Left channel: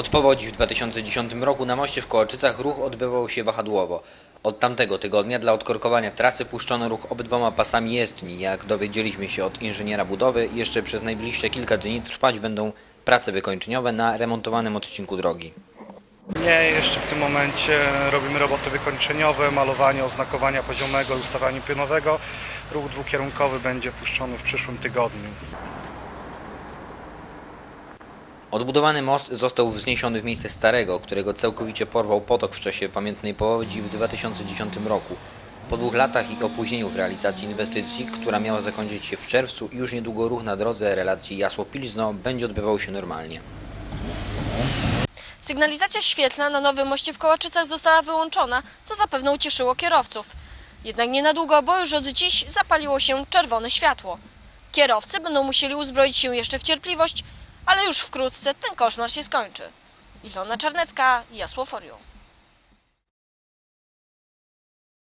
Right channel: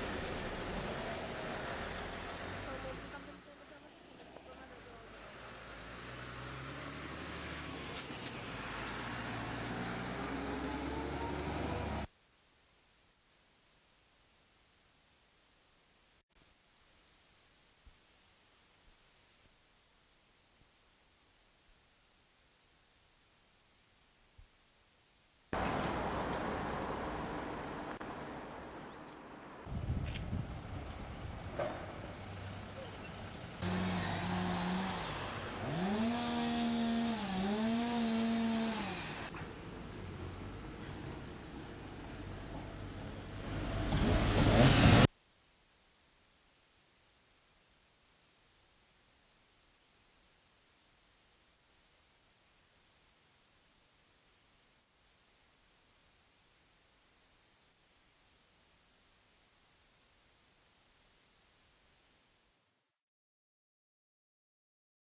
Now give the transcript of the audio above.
Od powodzi w 2010 roku na moście w Kołaczycach ruch odbywał się wahadłowo. Od tamtego tygodnia dla odkorkowania trasy puszczono ruch obydwoma pasami jezdni. Jak dowiedzieliśmy się od inżyniera budowy, jeszcze przez najbliższe kilka dni trwać będą prace wykończeniowe na remontowanym odcinku drogi. Nie, jeszcze w tym momencie robimy roboty wykończeniowe, malowanie oznakowania poziomego i ustawianie pionowego. Ruch dwukierunkowy będzie puszczony w przyszłym tygodniu. Odbudowany most został wzniesiony w miejsce starego, którego całkowicie porwał potok w czasie pamiętnej powodzi w 2010 roku. Po dwóch latach i opóźnieniu w realizacji inwestycji, która miała zakończyć się w czerwcu, już niedługo ruch na drodze relacji Jasło-Pilzno będzie odbywał się normalnie. Sygnalizacja świetlna na nowym moście w Kołaczycach została wyłączona, co zapewne ucieszyło kierowców. Jednak nie na długo, bo już od dziś zapaliło się czerwone światło. Kierowcy będą musieli uzbroić się jeszcze w cierpliwość, ale już wkrótce ten koszmar się skończy. Ilona Czarnecka, Jasło Forio.